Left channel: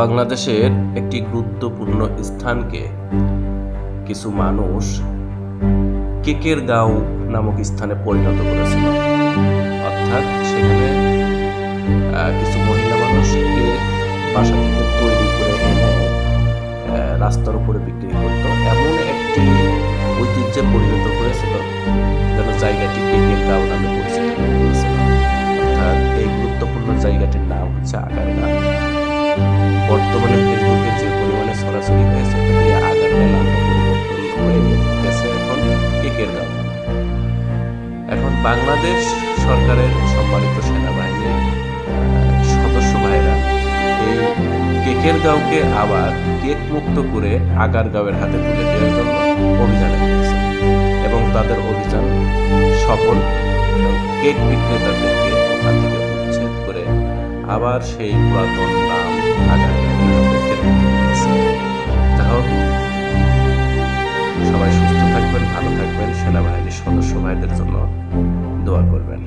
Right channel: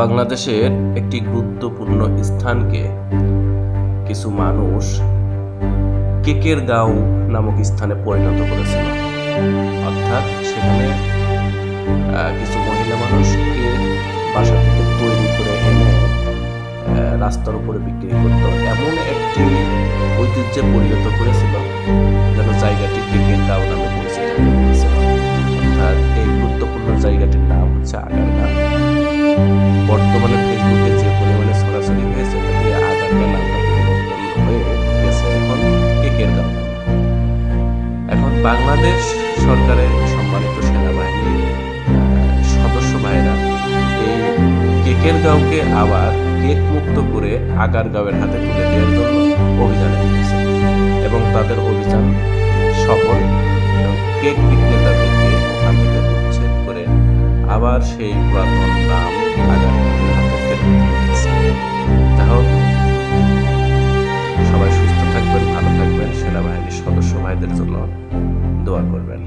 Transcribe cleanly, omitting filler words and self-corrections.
বাংলাদেশের একটি গুরুত্বপূর্ণ স্থানকে কিছু মানুষ কেকেরগাঁও নামক স্থানে পরিণত করেছিল। অর্থাৎ সেখানে কিছু মহিলা মানুষ কেক বাসা থেকে তৈরি করে এনে রাস্তার উপরে বিক্রি করত। এমন একটি ঐতিহ্যে পরিণত করেছিল যেন জায়গাটি কেকেরগাঁও নামে পরিচিত হয়ে গিয়েছিল। অর্থাৎ এই গুরুত্বপূর্ণ জায়গাটির নাম হচ্ছে আগারগাঁ। বর্তমানে ফেসবুকে যে পরিমাণে ছড়াছড়ি হয়েছে তাতে আগারগাঁ নামটা পরিবর্তন হয়ে গেছে এখন কেকেরগাঁও নামে। এখন বাংলাদেশ সরকারের সম্মানিত সেনাবাহিনীর সদস্য ভাইরা এই কেকেরগাঁওকে আবার কেক মুক্ত করে আগারগাঁওয়ের হাতে তুলে দেওয়ার জন্য অভিযানে নেমেছে এবং তাদের অভিযান সফল এবং কেক বিক্রেতাদেরকে ওখান থেকে উচ্ছেদ করে আবার সেই পুরাতন নাম আগারগাঁওয়ের হাতে ফেরত দিয়েছে। যাই হোক, সবাই সুস্থ থাকবেন, ভালো থাকবেন, সেনাবাহিনীর সদস্য ভাইদের জন্য দোয়া করবেন।